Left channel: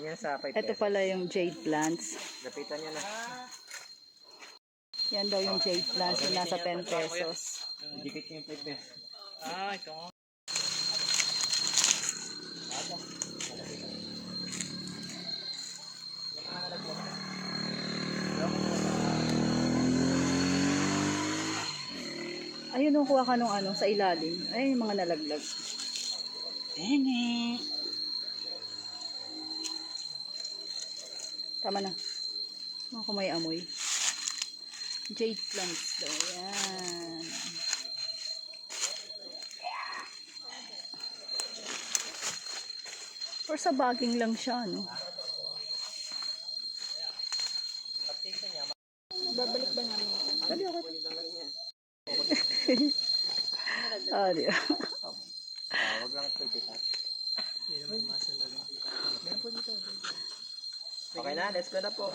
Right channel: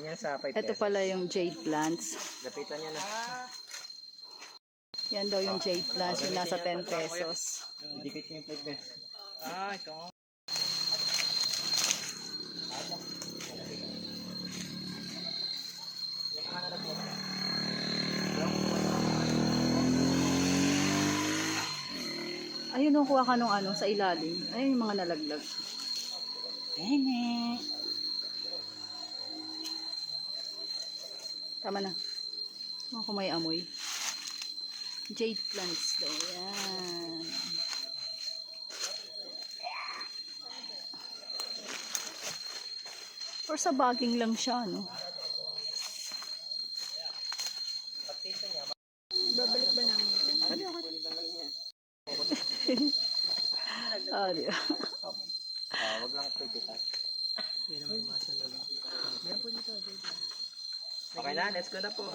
Yan yan sa 5 Ito pesos. pala yung jade plants. Lapitan nyo na. Yan daw yung jade plants yung nasa 10 pesos. Dikit nyo yung 5 pesos. Ah, ito nga. Ayun nung kuha ka nung ano, sa ilalim. Ayun yung mga nalaglag. Nene. Tama na. Mga kung may amoy. Jade plants daw. Yan. Or sa baging lang siya, no? Babalik ba namin? Dali, okay. ah, di? Ah, wag lang pwede pa. Okay na, let's go na po.